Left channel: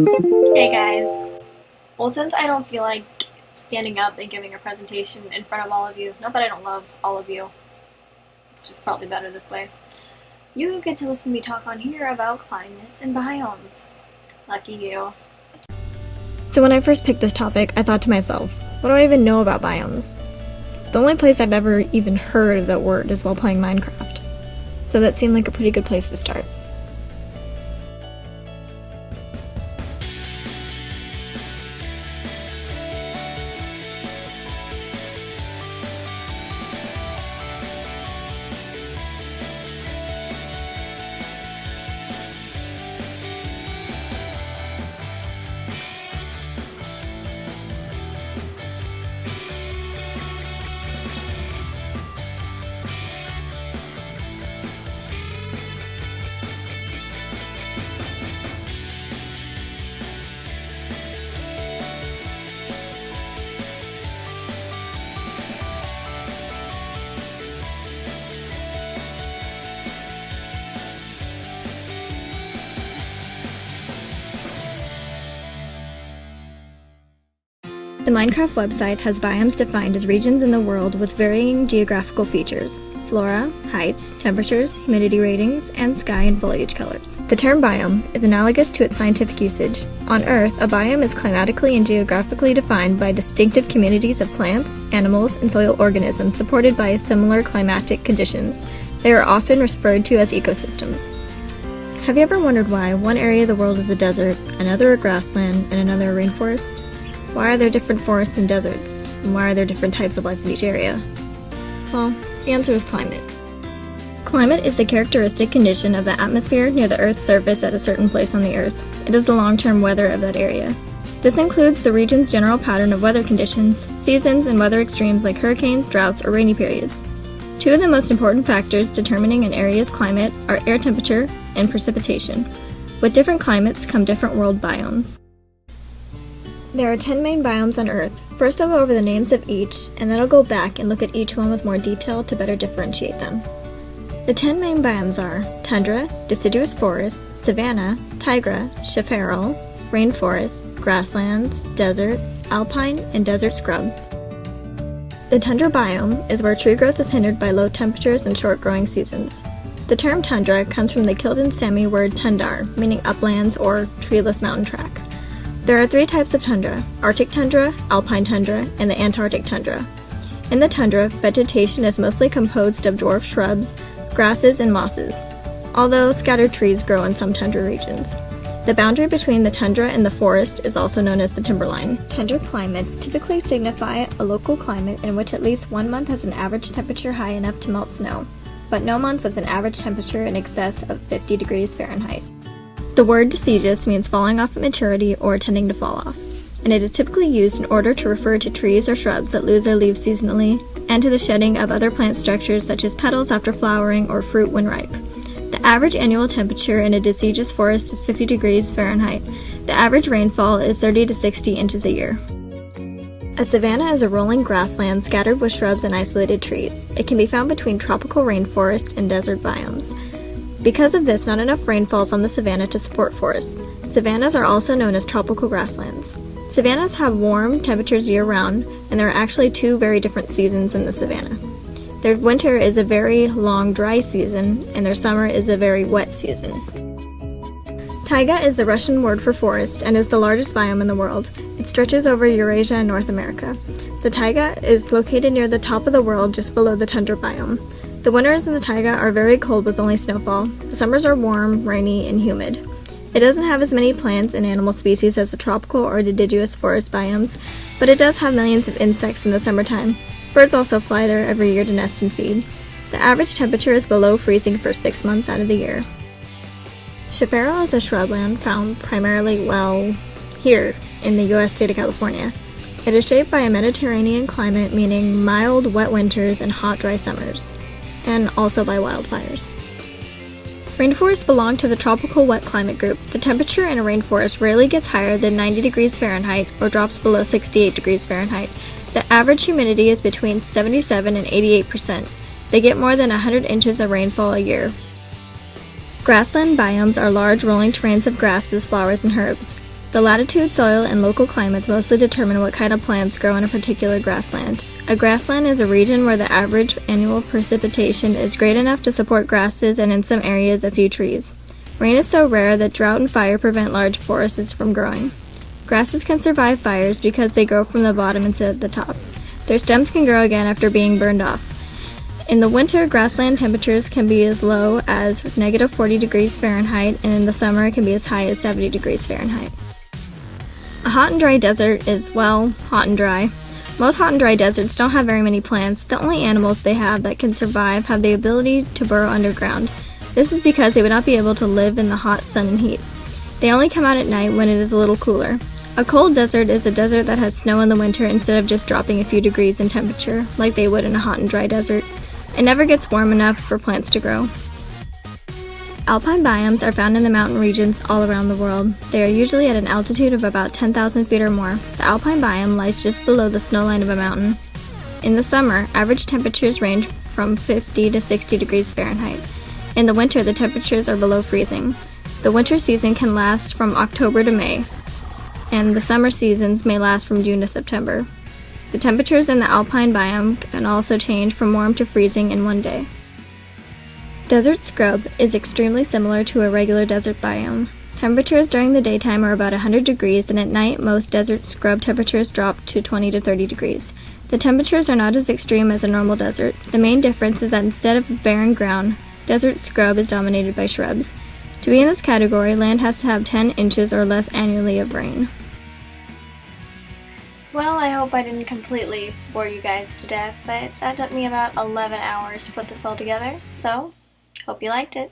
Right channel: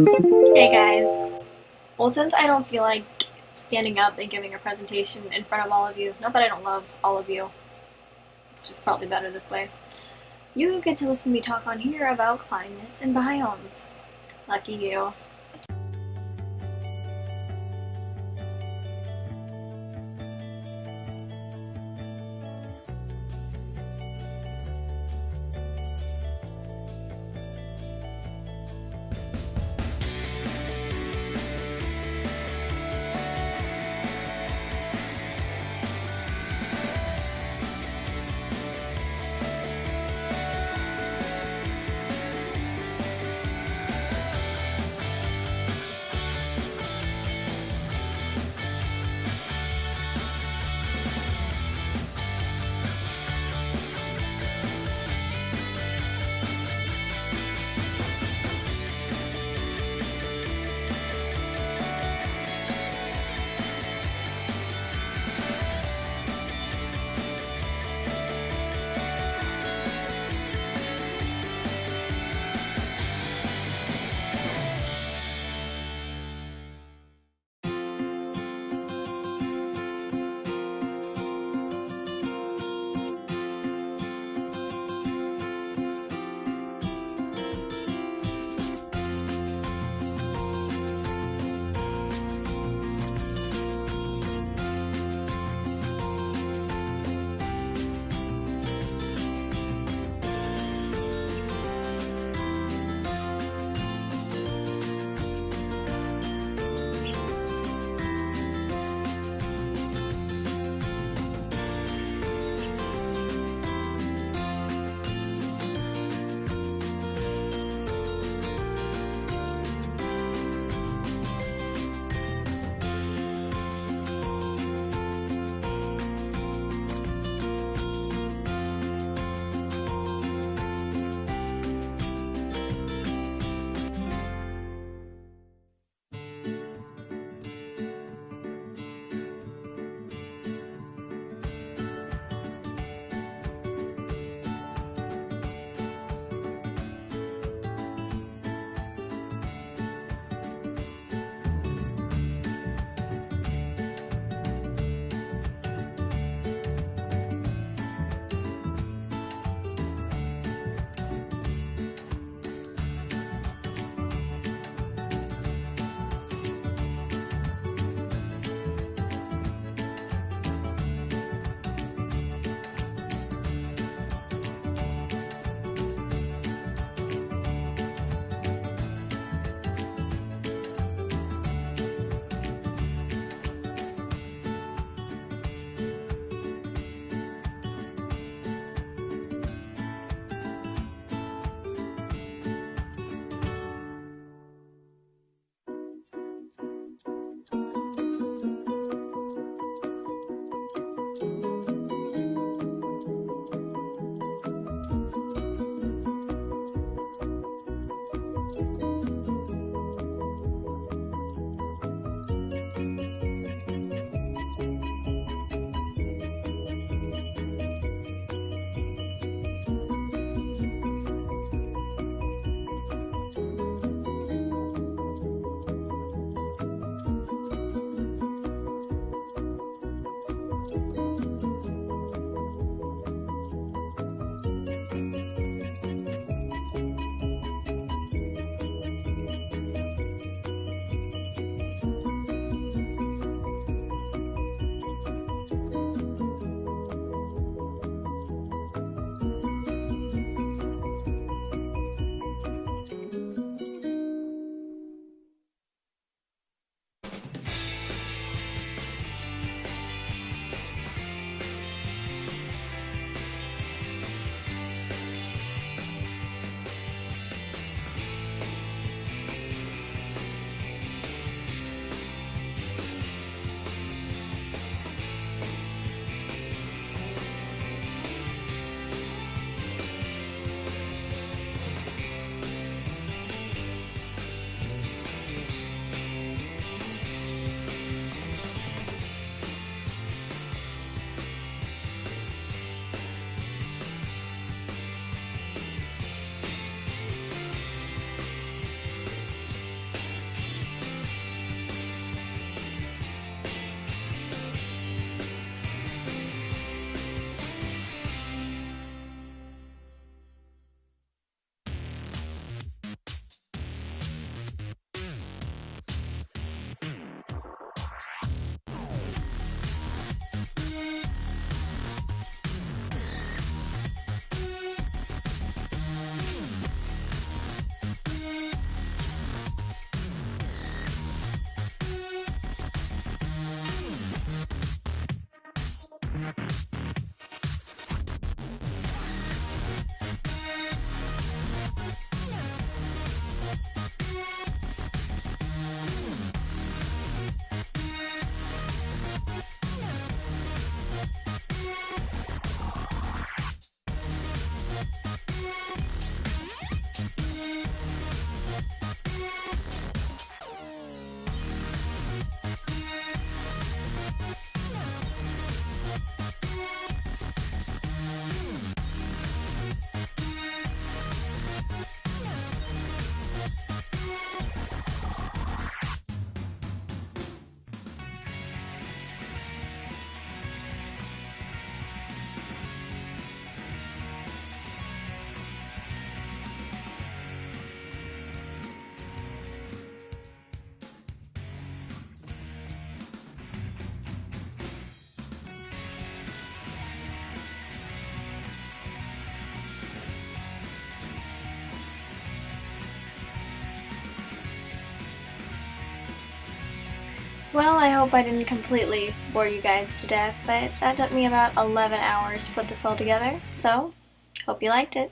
Hey guys. Well, since I don't feel like standing up and giving a presentation in front of all of you, not that I don't love all of you, it's just probably better this way, you get to listen to me talk on here about climates and biomes. Lucky you. So when I first picked this topic, I thought to myself, what do I even know about biomes? The only place I've ever even heard of that word is while playing Minecraft. So that seemed like a pretty good place to start. The Minecraft website has biomes defined as regions in the world with varying geographical features, flora, heights, temperatures, humidity ratings, and sky and foliage colors. The term biome is analogous to its scientific usage. On Earth, a biome is climatically and geographically defined by distinctive communities of plants, animals, and soil organisms supported by similar climatic conditions. They are often referred to as ecosystems. Have you ever wondered why one area of the world is a desert, another a grassland, and another a rainforest? Why are there different forests and deserts? And why are there different types of life in each area? Well, the answer is climate. Climate is the characteristic condition of the atmosphere near the Earth's surface at a certain place on the Earth. It is the long-term weather of that area. This includes the region's general pattern of weather conditions, seasons, and weather extremes like hurricanes, droughts, or rainy periods. Two of the most important factors determining an area's climate are air temperature and precipitation. With different climates come different world biomes. There are 10 main biomes on Earth. First I'll go over the names of each, and then I'll go back and look at each one with more detail to better differentiate them. The 10 main biomes are tundra, deciduous forest, savanna, taiga, chaparral, rainforest, grasslands, desert, alpine, and desert scrub. The tundra biome is where tree growth is hindered by low temperatures and short growing seasons. The term tundra comes from the Kildin Sami word tundar, meaning uplands or treeless mountain track. There are three types of tundra: Arctic tundra, Alpine tundra, and the Antarctic tundra. In the tundra, vegetation is mostly composed of dwarf shrubs, grasses, and mosses, although scattered trees grow in some tundra regions. The boundary between the tundra and the forest is also known as the timberline. Tundra climates typically signify a local climate in which at least 1 month has an average temperature high enough to melt snow, but no month with an average temperature in excess of 50 degrees Fahrenheit. The word deciduous means falling off at maturity or tending to fall off, and it is typically used in order to refer to trees or shrubs that lose their leaves seasonally, and to the shedding of other plant structures such as petals after flowering or fruit when ripe. The average annual temperature in a deciduous forest is 50 degrees Fahrenheit. The average rainfall is 30 to 60 inches a year. A savanna is a rolling grassland scattered with shrubs and isolated trees. It can be found between tropical rainforest and desert biomes. Because of this, not enough rain falls on the savanna to support forests. Savannas are also known as tropical grasslands. Savannas have warm temperatures year-round, and there are actually two very different seasons in the savanna. Their winter is a very long, dry season, and their summer is a very wet season. Taiga is the Russian word for forest and is the largest biome in the world. It stretches over Eurasia and North America. The taiga is located near the top of the world just below the tundra biome. The winters in the taiga are very cold with only snowfall. The summers are warm, rainy, and humid. It doesn't have as many plants and animal species as the tropical or deciduous forest biomes, but it does have millions of insects in the summertime. Birds also fly there every year to nest and feed. The average temperature is below freezing for 6 months out of the year. Chaparral is a shrubland found primarily, here in the U.S. state of California. It is shaped by a Mediterranean climate, meaning mild, wet winters and hot, dry summers, and also by wildfires. Rainforests belong to the tropical wet climate group. The temperature in a rainforest rarely gets higher than 90 degrees Fahrenheit or drops below 68 degrees Fahrenheit. The average humidity is between 77 and 88%. They get more than 100 inches of rainfall a year. Grassland biomes are large rolling terrains of grasses, flowers, and herbs. The latitude, soil, and local climates mostly determine what kind of plants grow in a particular grassland. A grassland is a region where the average annual precipitation is great enough to support grasses and in some areas a few trees. Rain is so rare that drought and fire prevent large forests from growing. Grasses can survive fires because they grow from the bottom instead of the top. Their stems can grow again after being burned off. In the winter, grassland temperatures can be as low as -40 degrees Fahrenheit, and in the summer it can be as high as 70 degrees Fahrenheit. A hot and dry desert is, well, hot and dry. Most hot and dry deserts don't have very many plants. The only animals they have that can survive have the ability to burrow underground. This is because they would not be able to live in the hot sun and heat. They only come out at night when it is a little cooler. A cold desert is a desert that has snow in the winter instead of just dropping a few degrees in temperature, like they would in a hot and dry desert. It never gets warm enough for plants to grow. Alpine biomes are found in the mountain regions all around the world. They are usually at an altitude of about 10,000 feet or more. The alpine biome lies just below the snow line of a mountain. In the summer, average temperatures range from 50 to 60 degrees Fahrenheit. In the winter, the temperatures are below freezing. The winter season can last from October to May, and the summer seasons may last from June to September. The temperatures in the alpine biome can also change from warm to freezing in one day. Desert scrub is extremely similar to a regular desert biome. Temperatures during the daytime are about 100 degrees, and at night most desert scrub temperatures drop to 20 to 30 degrees. The temperatures are not as extreme as a normal desert. The main difference is that instead of barren ground, desert scrub is dominated by shrubs. To be in this category, land has to have 10 inches or less annually of rain. Well, I hope I didn't completely bore you guys to death, but that took me about 11 hours to put this all together, so hope you liked it.